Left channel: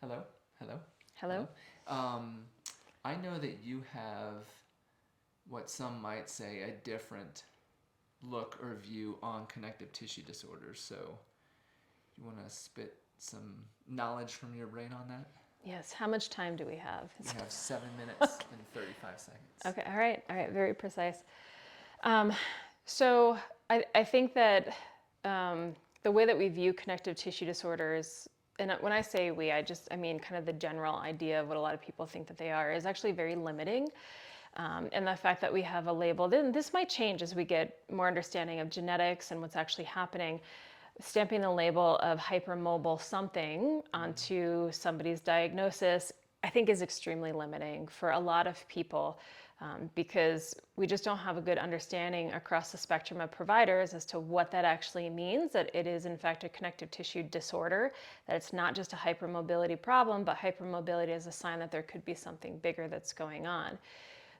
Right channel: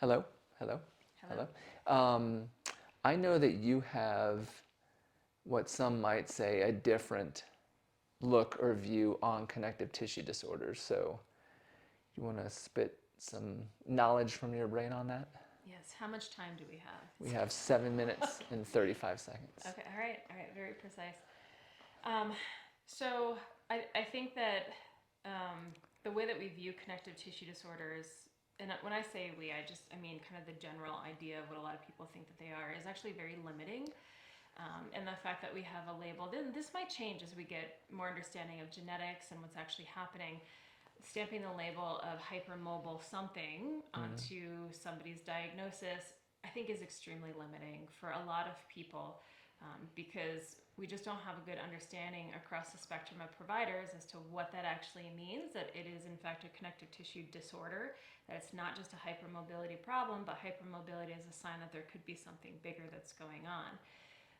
Hello, hello, Hello? hello. I know that you have what some might say a different look or view on connective tissue disorders. So, you want to spit some knowledge from your brain on that? Yes, how much time do we have? We have 7 minutes and 35 seconds. Okay, all right, very precise. Um, so I think that the way that we view connective tissue disorders, and when I say we, I mean kind of the general idea of what a lot of people think that they are, is actually very limiting. And the fact that we have a label, then this might change as we get more understanding of genetics and what's actually happening. Stamping the label of hypermobile something onto somebody's diagnosis, I think is extremely limiting for a lot of people because we just don't have a good understanding across the spectrum of providers as to what that actually means, that it is in fact a connective tissue disorder, that it's not just a hypermobility problem, but hypermobility is a sign that there could be something bigger that's going on.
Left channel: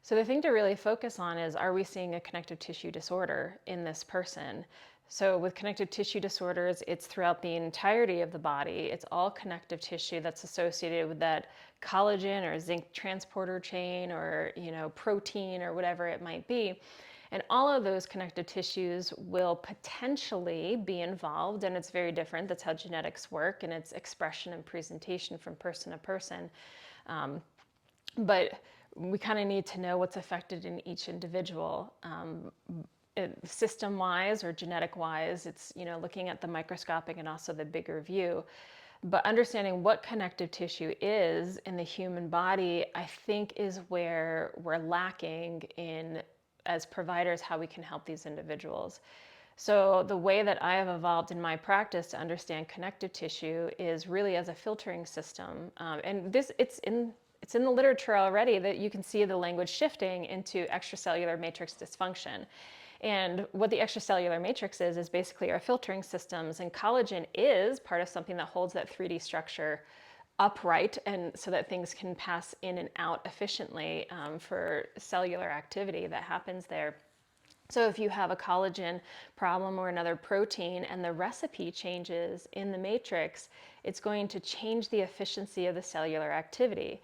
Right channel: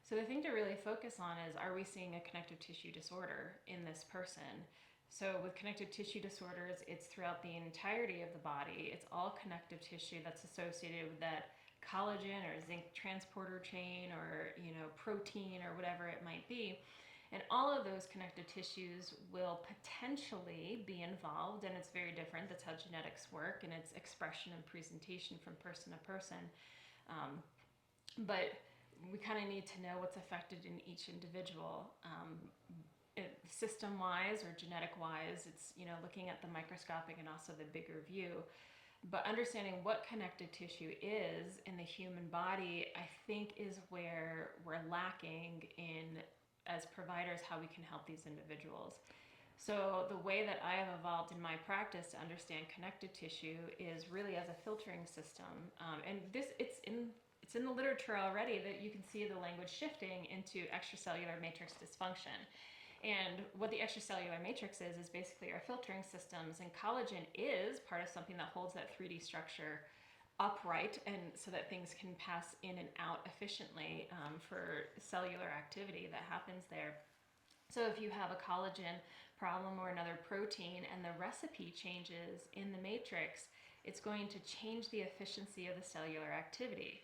So the thing to really focus on is, are we seeing a connective tissue disorder in this person? So with connective tissue disorders, it's throughout the entirety of the body. It's all connective tissue that's associated with that collagen or zinc transporter chain or, protein or whatever it might be. And all of those connective tissues will potentially be involved, and it's very different. That's how genetics work, and it's expression and presentation from person to person. But we kind of need to know what's affected in each individual. System wise or genetic wise, it's looking at the microscopic and also the bigger view. But understanding what connective tissue is in the human body, I think, is where we're lacking in, as providers, how we can help these individuals. So the way that I have evolved in my practice to understand connective tissue is really as a filtering system, and this it's in the literature already that you can see the language shifting into extracellular matrix dysfunction. And what the extracellular matrix is basically our filtering systems, and collagen is part of something that holds that 3D structure upright, and so that things can pass in and out efficiently for cellular activity that happens there. So if you have a collagen problem or another protein and the recipe changes in the matrix, it's going to change the efficiency of the cellular activity.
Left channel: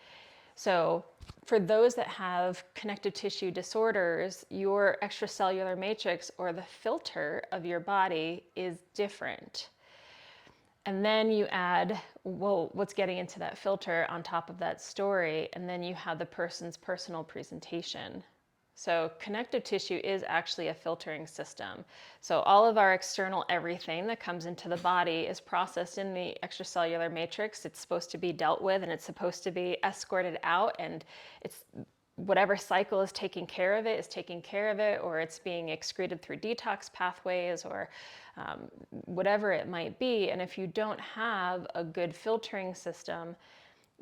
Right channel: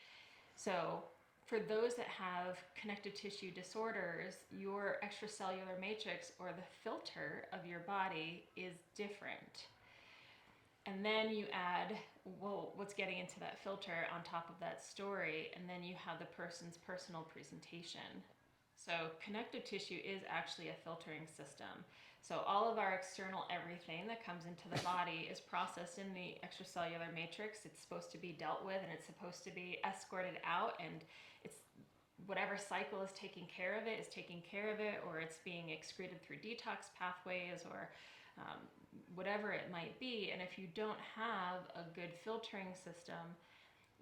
So for those that have connective tissue disorders, your extracellular matrix or the filter of your body is different. And then you add, well, what's getting into that filter on top of that story, and then you have the person's personal presentation. So connective tissue is actually a filtering system. So all of our external everything that comes into the body is processed in the extracellular matrix. It's supposed to be dealt with, and it's supposed to be escorted out, and it's whatever cycle is taking care of it is taking care of it, or it's being excreted through detox pathways, or whatever it might be. And if you don't have a good filtering system,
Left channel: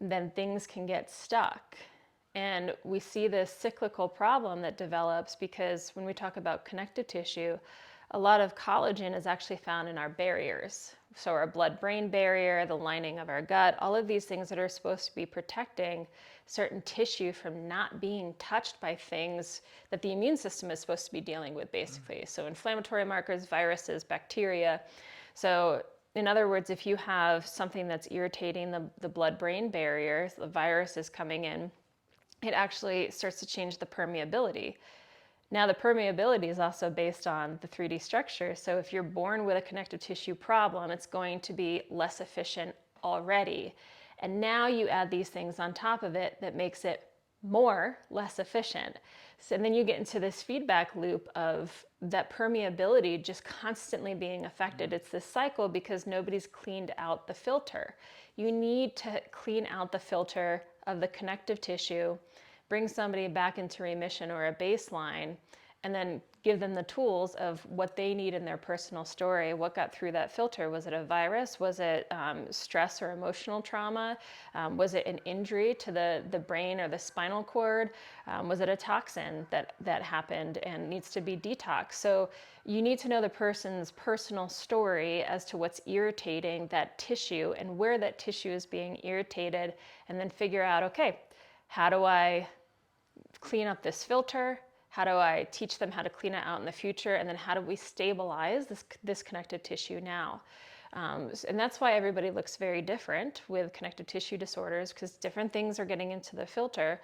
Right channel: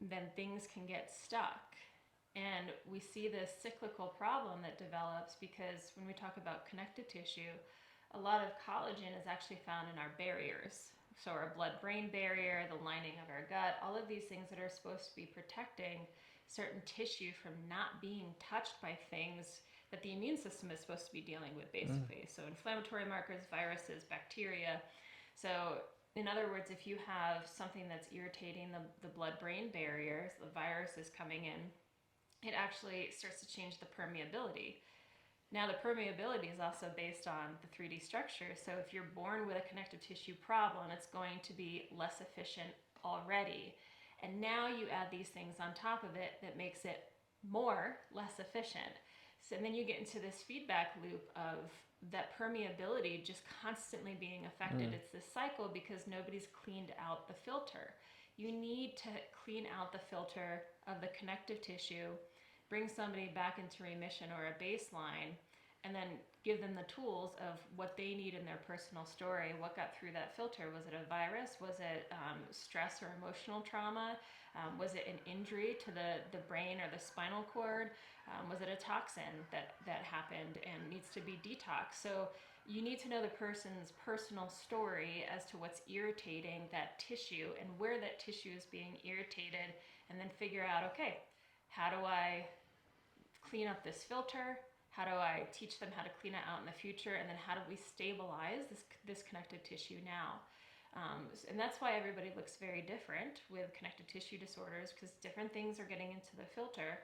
then things can get stuck. And we see this cyclical problem that develops because when we talk about connective tissue, a lot of collagen is actually found in our barriers. So our blood-brain barrier, the lining of our gut, all of these things that are supposed to be protecting certain tissue from not being touched by things that the immune system is supposed to be dealing with, basically. So inflammatory markers, viruses, bacteria. So in other words, if you have something that's irritating the blood-brain barrier, the virus is coming in, it actually starts to change the permeability. Now, the permeability is also based on the 3D structure. So if you're born with a connective tissue problem, it's going to be less efficient already. And now you add these things on top of it that makes it less efficient. So, and then you get into this feedback loop of that permeability just constantly being affected. It's this cycle because nobody's cleaned out the filter. You need to clean out the filter of the connective tissue, bring somebody back into remission or a baseline, and then give them the tools of what they need in their personal story. What got through that filter? Was it a virus? Was it stress or emotional trauma? Was it an injury to the brain or the spinal cord? Was it a toxin that happened and needs to be detoxed? So you need to know the person's personal story as to what's irritating that tissue and where that tissue is being irritated, and then figure out, okay, how do I clean up this filter? How do I teach them how to clean it out in the future? And then how do we stabilize this connective tissue now? And that's why everybody looks very different with connective tissue disorders, because different things are getting into the filter.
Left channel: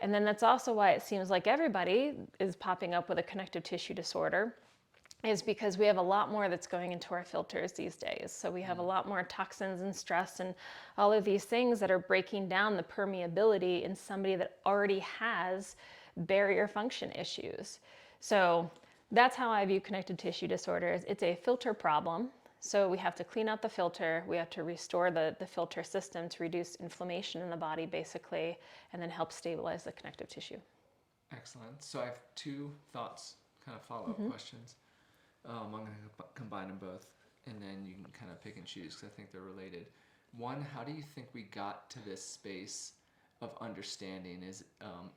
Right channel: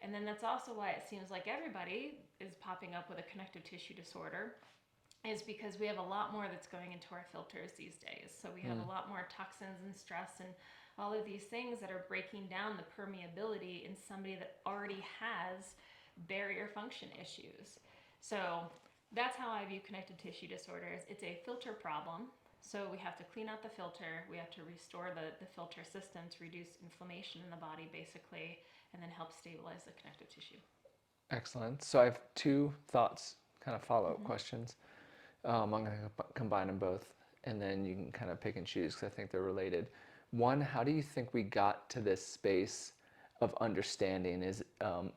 And then that's also why it seems like everybody is popping up with a connective tissue disorder, is because we have a lot more that's going into our filters these days. So we have a lot more toxins and stress and all of these things that are breaking down the permeability in somebody that already has barrier function issues. So that's how I view connective tissue disorders. It's a filter problem. So we have to clean out the filter. We have to restore the filter system to reduce inflammation in the body, basically, and then help stabilize the connective tissue. Excellent. So I have two thoughts, kind of follow-up questions. I'm going to combine them both, and then you can kind of pick and choose because I think they're related. One, how do you think we got to this space of understanding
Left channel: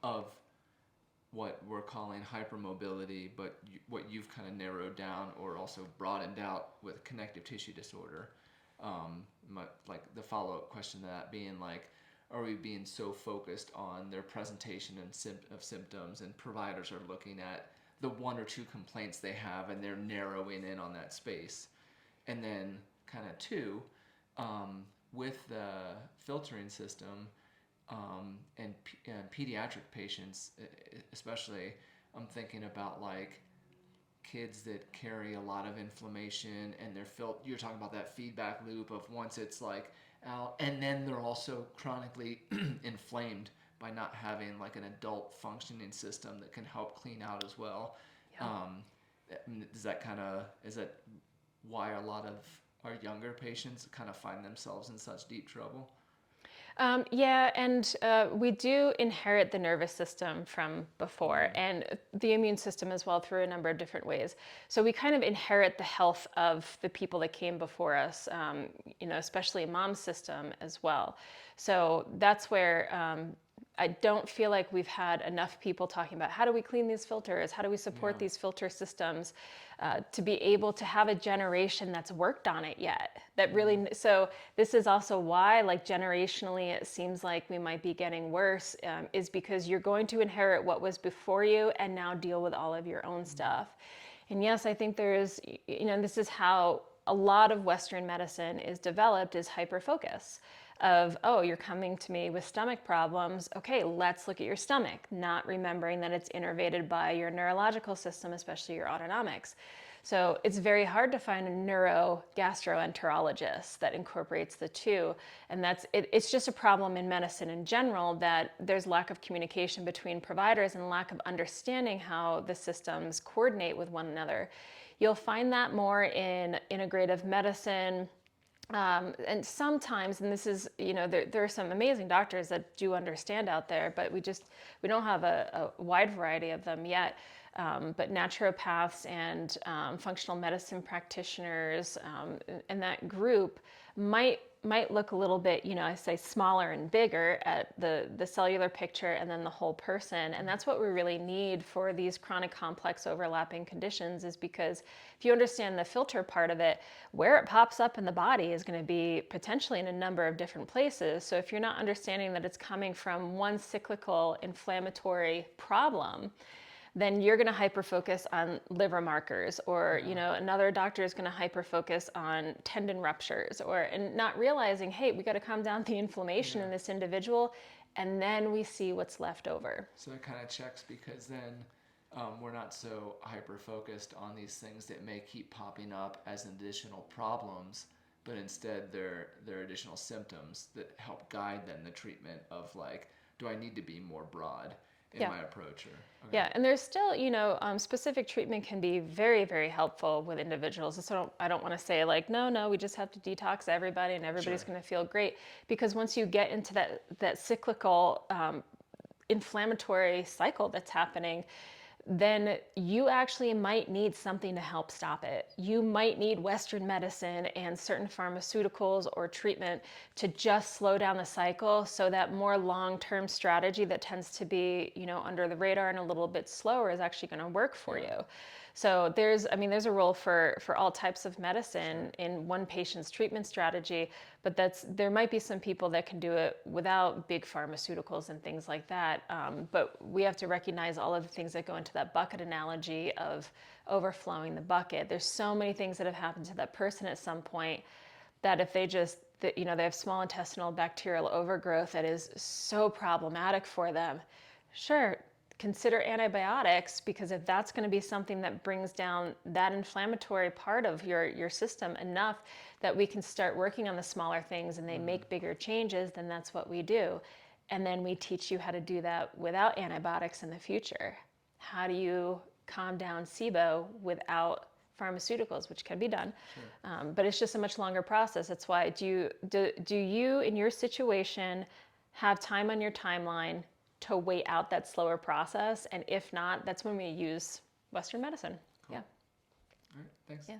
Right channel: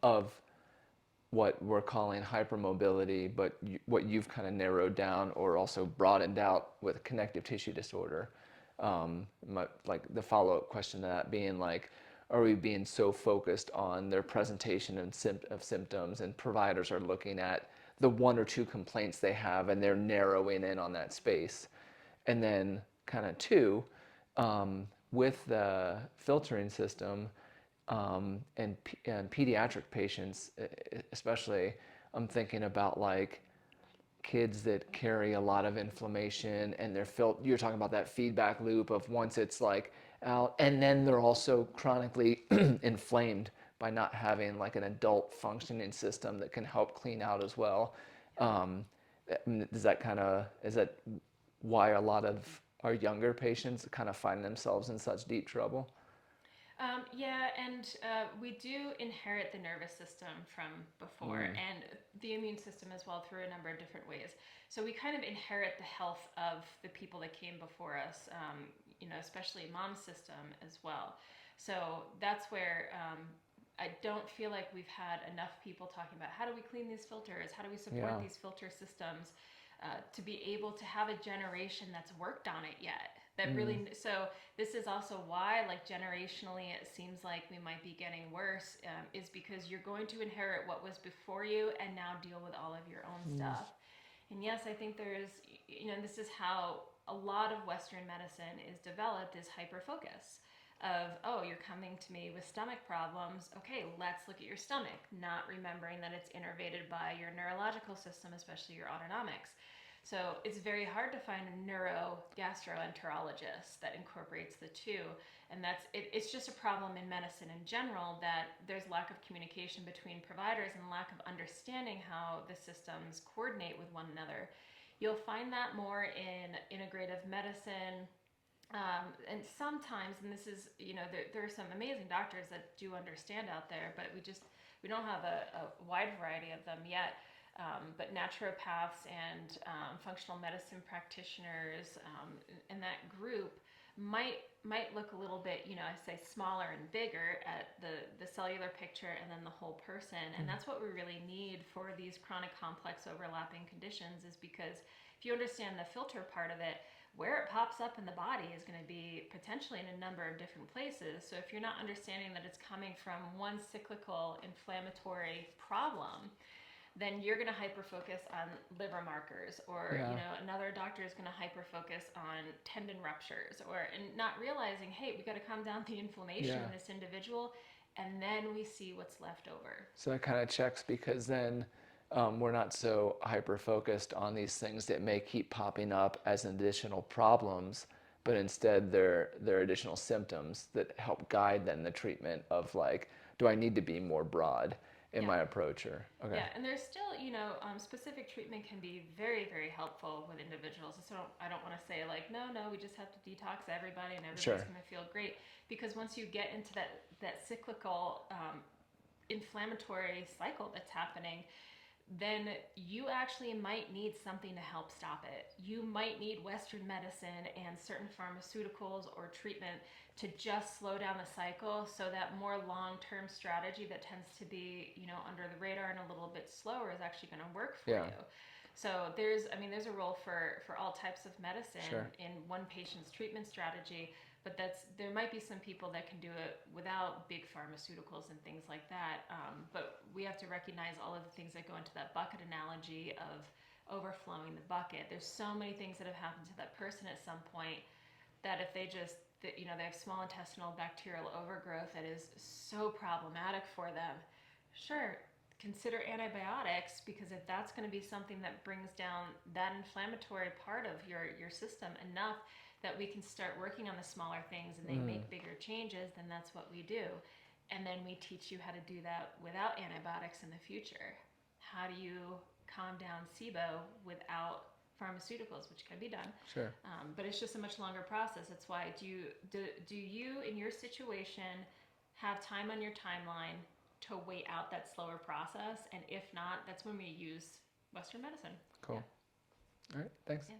of what we're calling hypermobility, but what you've kind of narrowed down or also broadened out with connective tissue disorder? Like the follow-up question to that being like, are we being so focused on their presentation and of symptoms, and providers are looking at the one or two complaints they have and they're narrowing in on that space? And then kind of two, with the filtering system, and pediatric patients especially, I'm thinking about like kids that carry a lot of inflammation, and you're talking about that feedback loop of once it's like out, and then they're also chronically inflamed by not having like an adult functioning system that can help clean out as well. Um, is that why a lot of our younger patients kind of find themselves in such deep trouble? Yeah, and we do inherit the nervous system from before, and the immune system as well, through a number of different ways. So we kind of inherit the health of the people that came before us, especially mom's system as well. So that's where I don't feel like we've had enough people talking about how do we clean these filters, how do we support Yeah. these filter systems, to be able to have a generation that's worked on it yet. That really, so this is also why, like generationally, it seems like we might be getting worse, is because you're going to inherit what was before you and now deal with all of your own stuff. And yes, I think there's, this is how a lot of Western medicine is developed, is hyperfocus of, oh, you're coming to me with stomach problems. Okay, let's look at your stomach, not remembering that it's innervated by your neurological system, especially your autonomics. So it's very hard to find a neurogastroenterologist that incorporates the two. And it's just a problem in medicine in general, that there's lack of communication between providers and lack of understanding how the systems coordinate with one another. You'll find that more in integrative medicine, and sometimes, and this is, there are some amazing doctors that do understand out there, but we don't have a wide variety of them yet. But naturopaths and functional medicine practitioners, and that group might look a little bit, I say smaller and bigger at the cellular picture and then the whole person. And that's what we really need for these chronic complex overlapping conditions, is because if you understand the filter part of it, where it pops up in the body is going to be potentially in a number of different places. So if you're not understanding that it's coming from one cyclical inflammatory problem, then you're going to hyperfocus on liver markers, or another doctor is going to hyperfocus on tendon ruptures, and not realizing, hey, we got to calm down the inflammation in this individual, and then we see what's left over. So that kind of checks, because then we're not so hyper focused on these things that may keep popping up as additional problems, but instead they're additional symptoms that help guide then the treatment of like, do I need to be more broad in my approach? Or okay. Yeah, and there's still, specific treatment can be very, very helpful with individuals. So I don't want to say like, no, we just have to detox everybody and everybody's going to feel great. Because once you get into that cyclical inflammatory cycle that's happening, then you actually might need something to help stop it. You might need Western medicine and certain pharmaceuticals or treatment to just slow down the cycle, so that more long-term strategy that tends to be, under the radar and a little bit slower is actually going to work for you. So there's a role for all types of medicine in one patient's treatment strategy, but there might be some people that can do it without big pharmaceuticals and things like that. But we have to recognize all of the things that go into that bucket analogy of overflowing the bucket. There's so many things that have happened to that person at some point. that if they just, that, they have small intestinal bacterial overgrowth that is so problematic for them, sure, consider antibiotics, because if that's going to be something that brings down that inflammatory part of your system enough that we can start working on the smaller things and they make bigger changes, then that's what we do. And then we teach you how to do that without antibiotics in the future. How do you calm down SIBO without pharmaceuticals, which can be done. Sure. But it's just a much longer process. That's why, do you, in your situation, have time on your timeline to wait out that slower process? And if not, that's when we use Western medicine. Cool. Yeah. All right. Thanks. Yeah.